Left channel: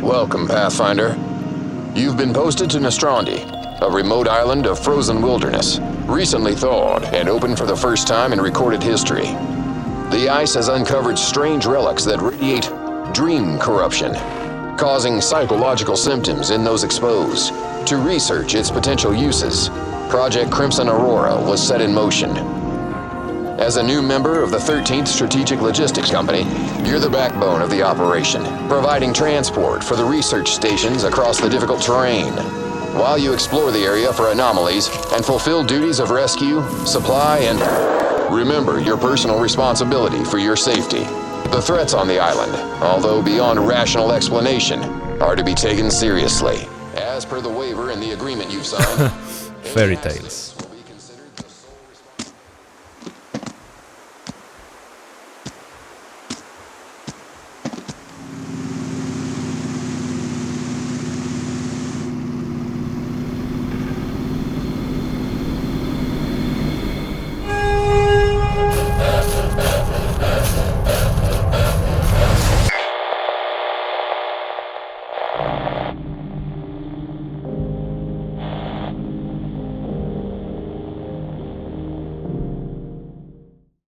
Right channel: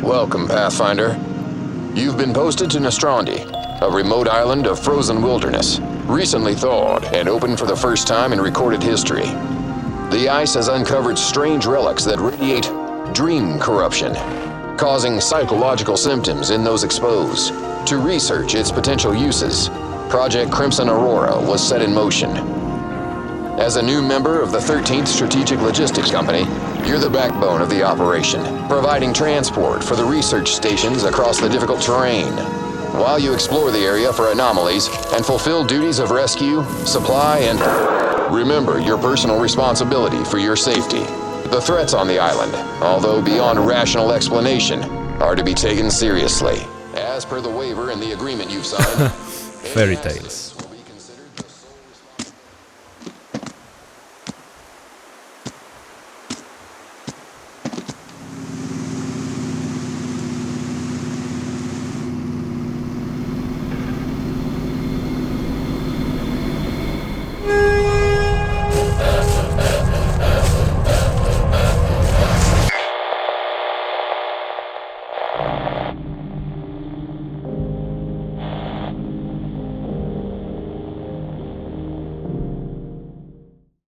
Welcome, Pathfinder. You've been posted to Nostrandi, a remote island of frozen wilderness, recently thawed and open for the first time in recorded history. The ice has uncovered strange relics that radiate dream corruption, causing psychological symptoms in those exposed. To research its potential uses, Project Crimson Aurora was set in motion. As a new member of the 13th Strategic Logistics Company, you're the backbone of the operation, providing transport for the research stations across the difficult terrain, while you explore the area for anomalies and fulfill duties of rescue, supply, and remember your personal responsibility for your safety. The threats on the island, although beyond rational explanation, are to be taken seriously. As per the waiver and the agreement you've signed. Fairy tales.